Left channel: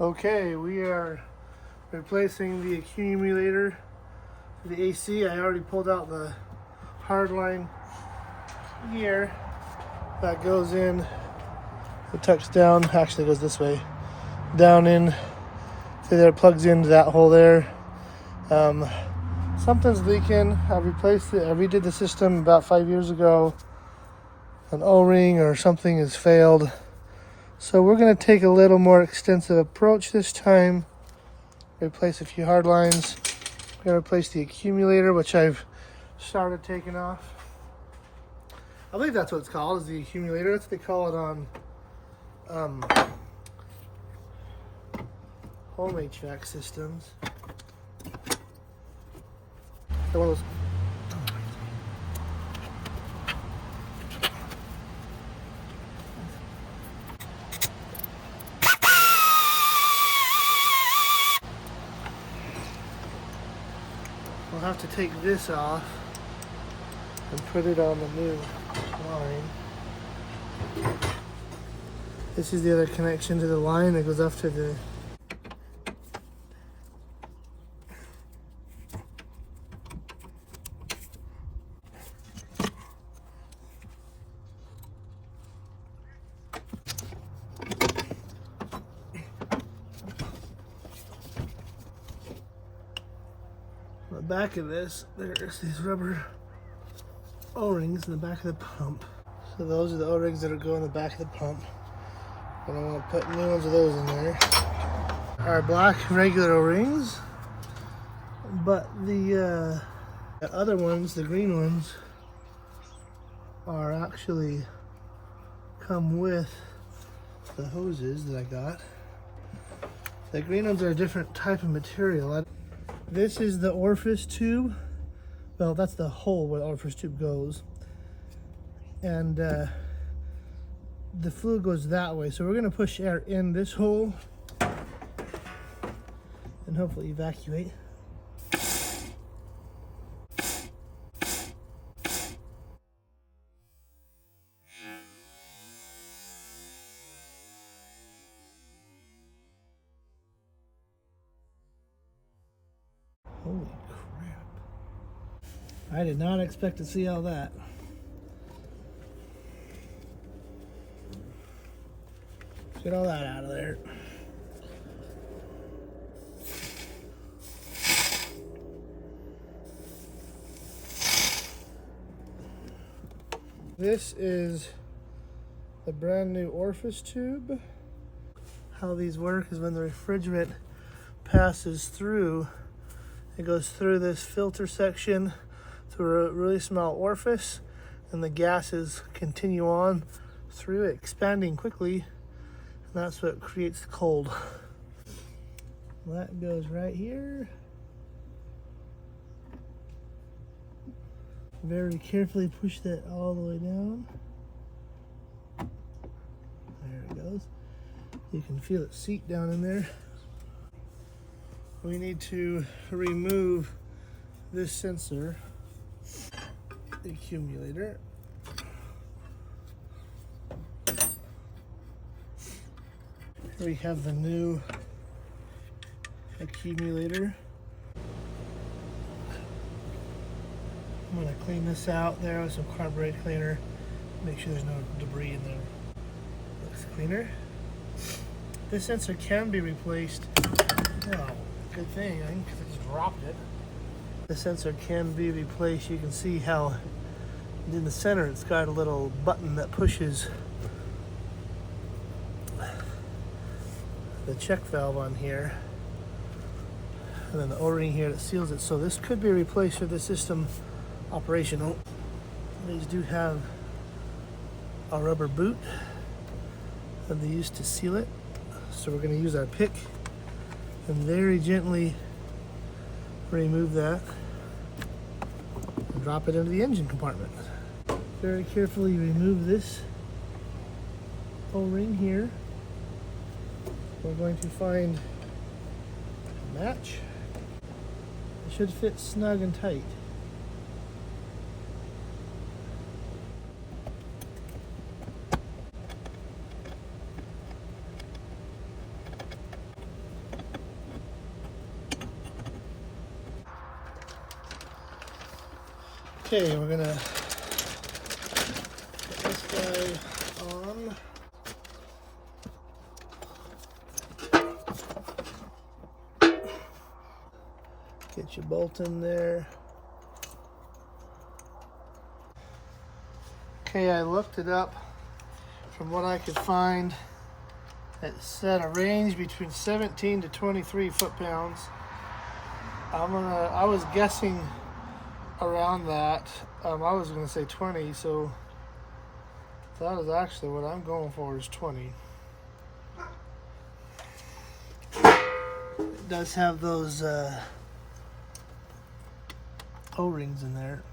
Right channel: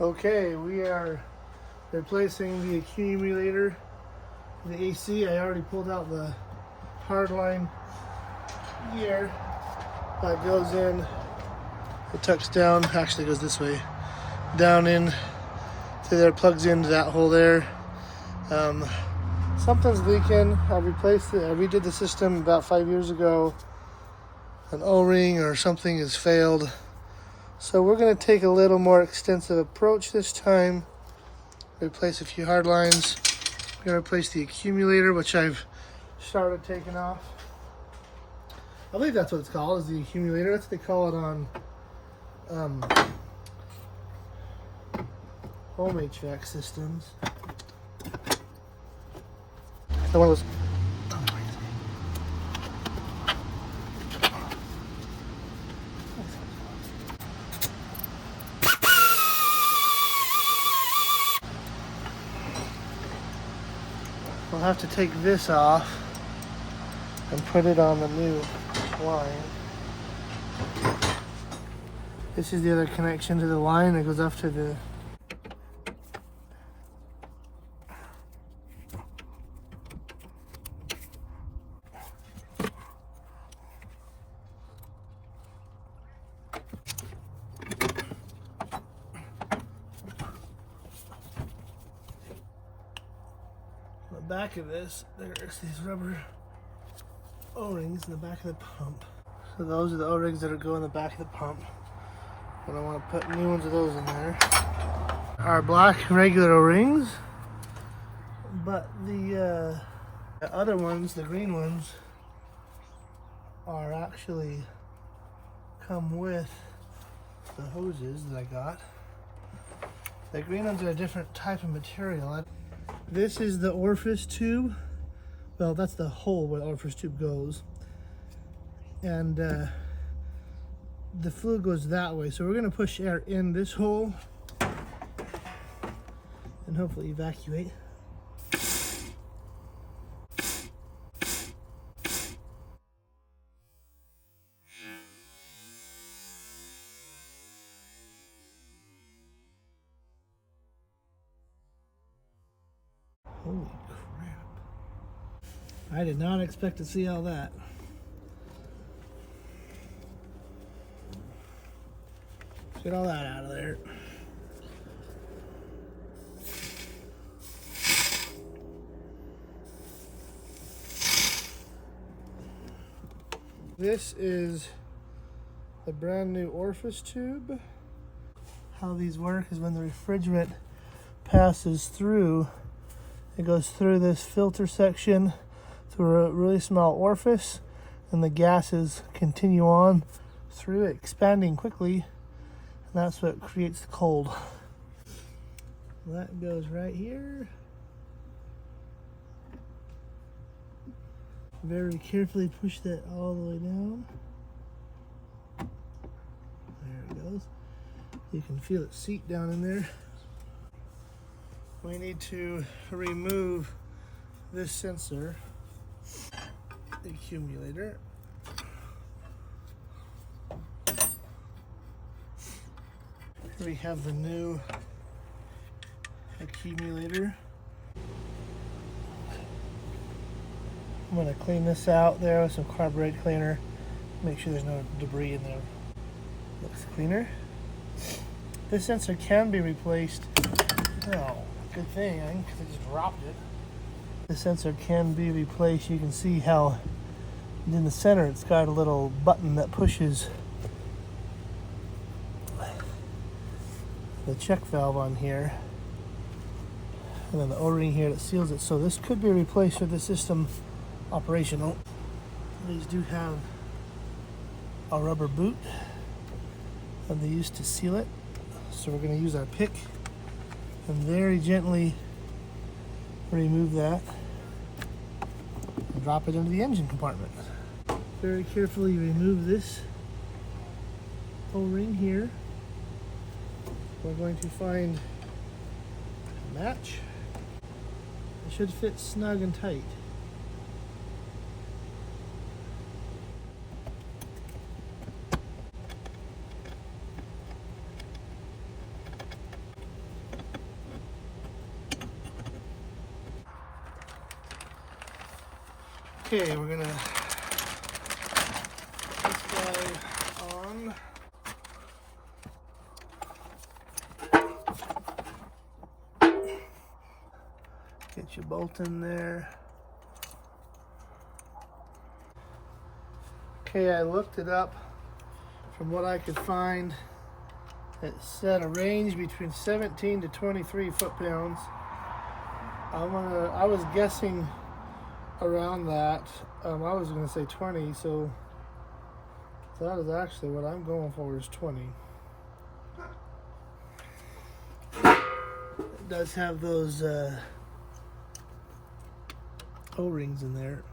Okay, we are replacing the accumulator, the AC. I already pulled out the hardline gear that goes in. It tucks down, actually goes this way, down in to there, plugs into that hole there. Something's leaking. I replaced it. I redid the system about 5 years ago. An O-ring or something has failed. So we're going to take a little more extensive approach this time. Replace a few hard lines. I'm going to replace the accumulator, which I've started taking off. I believe that's what it's called, is the accumulator. That's what they call it on home HVAC systems. So one of those. We'll have to take this off and put it on the new line. This is the other connection to the line that goes up to the back of this. There's these rubber O-rings in the back of the pump. So those are the O-rings that go in the back of the pump. And I want to put new ones of those in there. Our black regular O-rings, but the other ones, the green ones, are actually come with the hoses that I got. The green ones are a different type of material. This is the orifice tube. Well, that's the hole where the orifice tube goes. And the fluid goes that way. So we're going to push air in this hole and hopefully evacuate. Holy crap. I did not expect to see all that. Get all that out of there. This is the brand new orifice tube. How these work is when the refrigerant passes through, it goes through this filter section through a really small orifice, and the gases continue on through it, expanding quickly. That's what creates the cold. That goes right here. Very carefully push that all the way down. There it goes. You can feel it seat down in there. We need to remove this sensor, the accumulator. We have the new accumulator. I'm going to clean this out there with some carburetor cleaner. Make sure there's no debris in there. Looks cleaner. This sensor can be replaced. Oh, good thing. I just dropped it. The sensor can be replaced. You can see how in the center it's got a little button that pushes the check valve on here, and then the O-ring here that seals it. So this could be replaced for the system operational. These do have a rubber boot that they use to seal it. So we're going to use our pick and very gently remove that and drop it into the engine compartment. Very carefully remove this O-ring here. We're going to find a match. It should fit snug and tight. Okay, we're gonna put this guy on. Get your bolt in there. Okay, I looked it up. From what I could find, it said a range between 17 to 23 foot-pounds. I was guessing around that. I was gonna say 20, so that is actually what I'm going for, is 20. It does have those O-rings in there.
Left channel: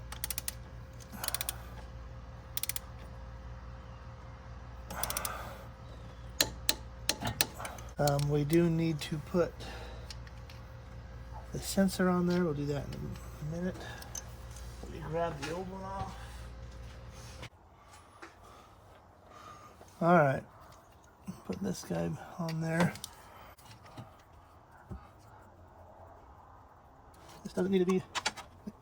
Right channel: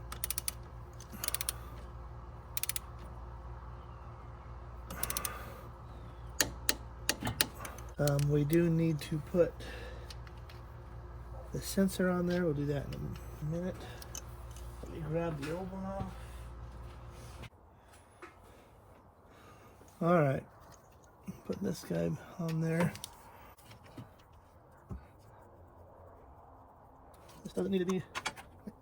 We do need to put the sensor on there. We'll do that in a minute. Let me grab the old one off. Alright, put this guy on there. This doesn't need to be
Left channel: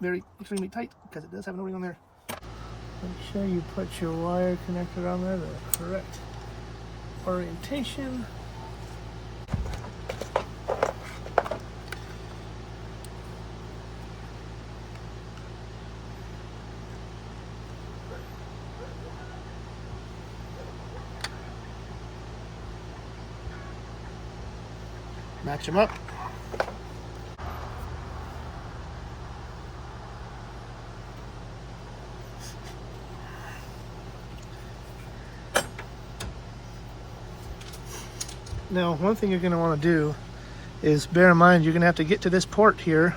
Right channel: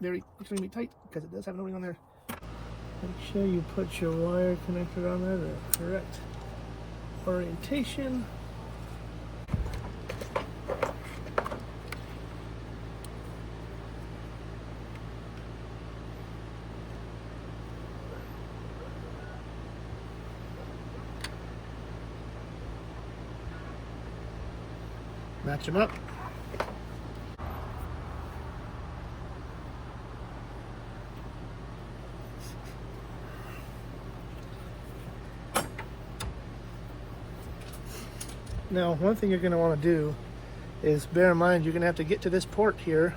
very extremely tight because it does have an O-ring on there. Make sure you put your wire connector on there, the correct orientation. Match them up. Now, one thing you're going to want to do is bear in mind you're going to have to get to this port here.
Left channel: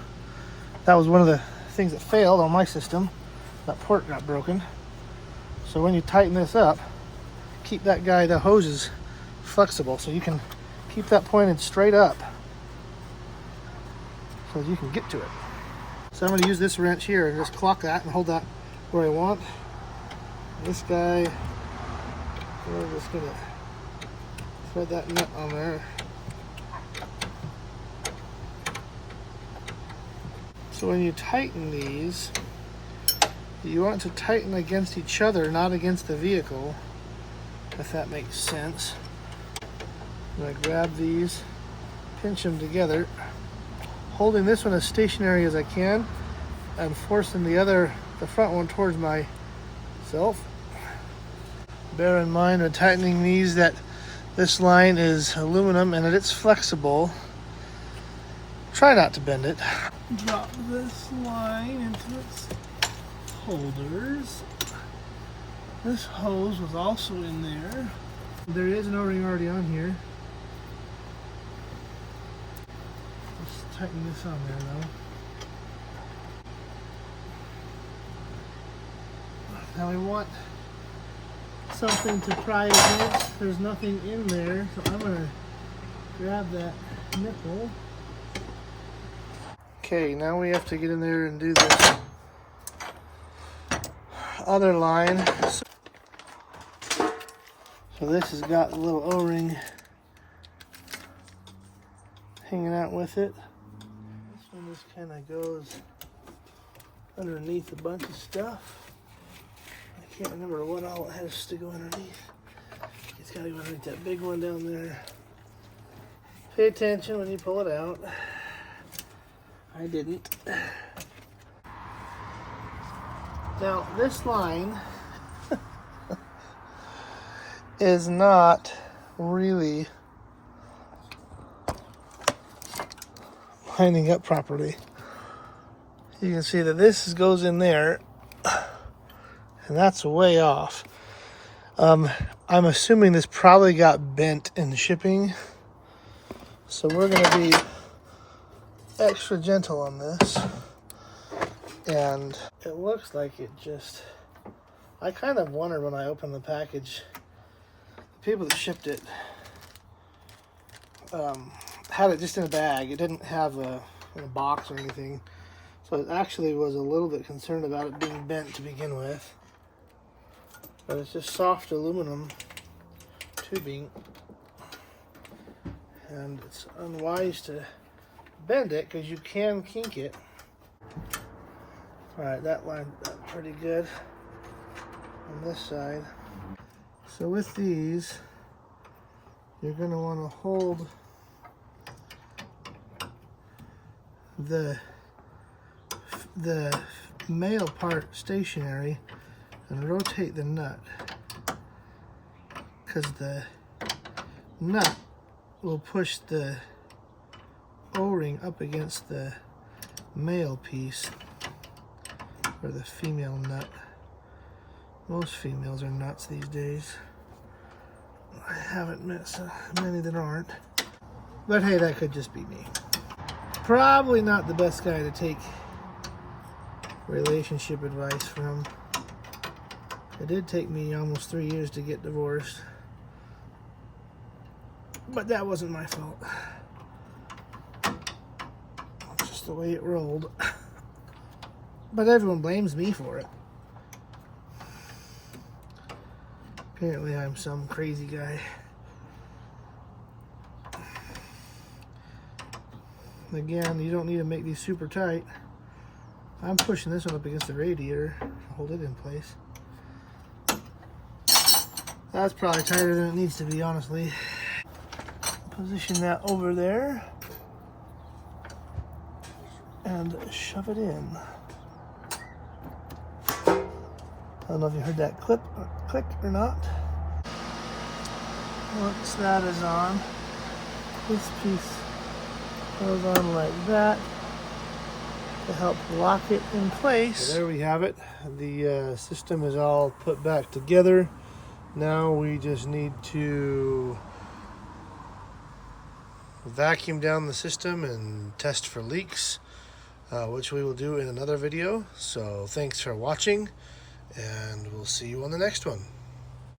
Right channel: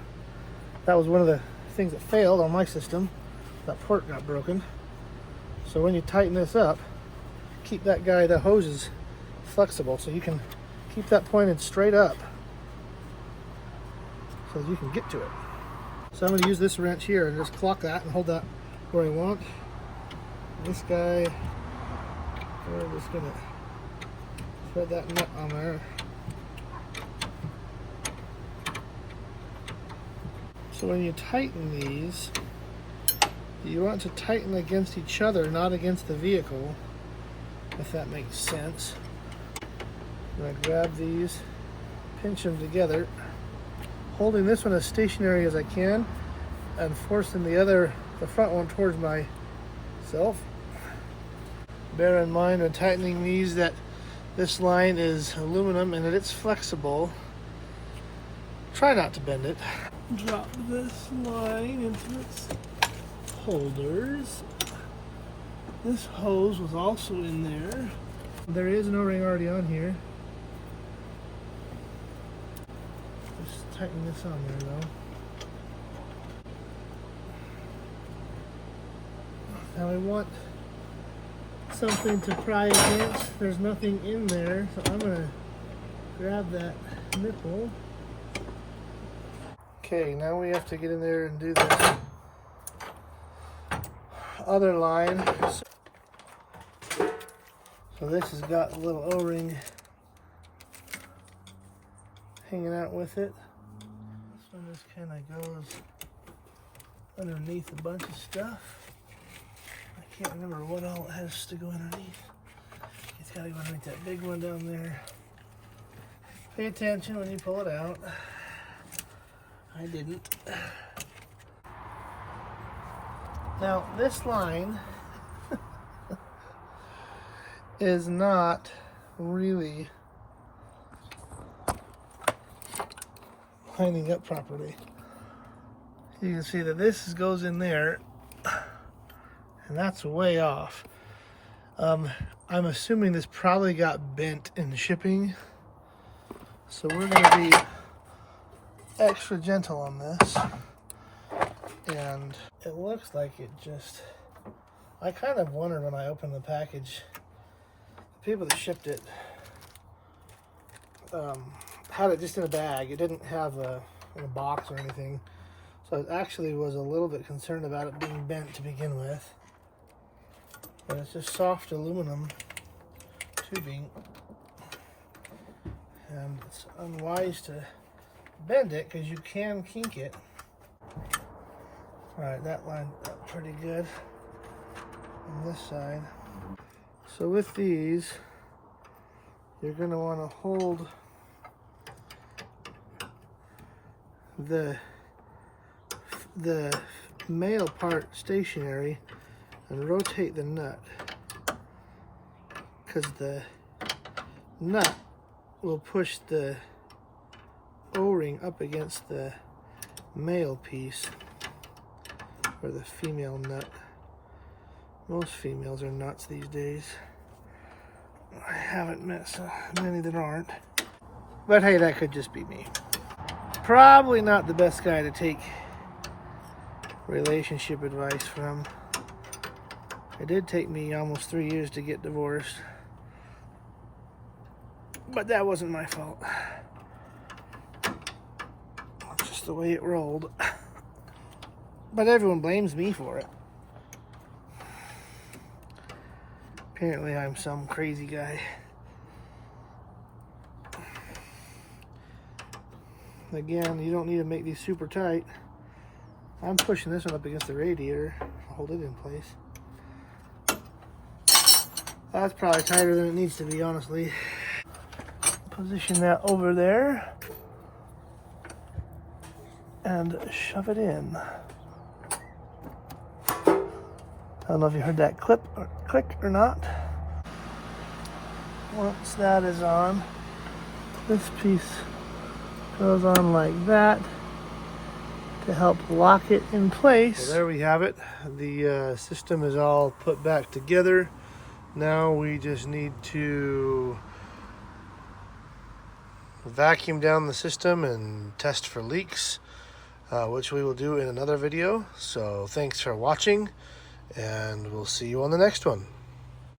That was one of the things that failed on my system. That port got broken. So when you tighten this up, keep that the hose is flexible, so you can keep that pointed straight up so you can get to it. So I'm going to use this wrench here and just clock that and hold that where I want. This guy, we're just going to thread that nut on there. So when you tighten these, you want to tighten against each other, not against the vehicle, if that makes sense. I'm going to grab these, pinch them together, holding this one as stationary as I can, and forcing the front one towards myself. Bear in mind when tightening these that this line is aluminum and that it's flexible. Try not to bend it. Drop this line into its holders. This hose was also in there. There is an O-ring already on here. Let's tighten this on there though. Now we want something to pry against. There's nothing in there, so I'm gonna grab that nipple. Okay, now we have to get in there and do this other line. So this has got a little O-ring hanging out with it. This one just kind of goes underneath a bunch of stuff. I can't remember what all it has to go underneath. It's got to go underneath that big one down there. Pay attention when you pull it out. I didn't. Now this line is not really lining up properly. You can see that this goes in there, and that's way off. I'm assuming this probably got bent in the shipping, so we're going to be extra gentle on this. And it looks like it just, I kind of wondered when I opened the package, the people that shipped it had it just in a bag. It didn't have in a box or anything. So I actually was a little bit concerned about it being bent to begin with. But it's just soft aluminum tubing. And it's unwise to bend it because you can kink it. Alright, that lined up pretty good on this side. So with these, you're going to want to hold the male part stationary and rotate the nut, because the nut will push the O-ring up against the male piece, or the female nut. Most females are nuts these days. I haven't met so many that aren't. But hey, that could just be me. Probably not the best guy to take relationship advice from. It did take me almost 3 years to get divorced. But that wasn't my fault. It's just the way it rolled. But everyone blames me for it. Apparently I'm some crazy guy. Again, you don't need to make these super tight. I'm pushing this one up against the radiator to hold it in place. That's probably tighter than it needs to be, honestly. Position that over there and shove it in. I don't know if you heard that click or not. Once that is on, this piece goes on like that to help lock it in place. So there we have it. The system is all put back together. Now we just need to vacuum down the system and test for leaks, which we will do in another video. So thanks for watching, and we'll see you on the next one.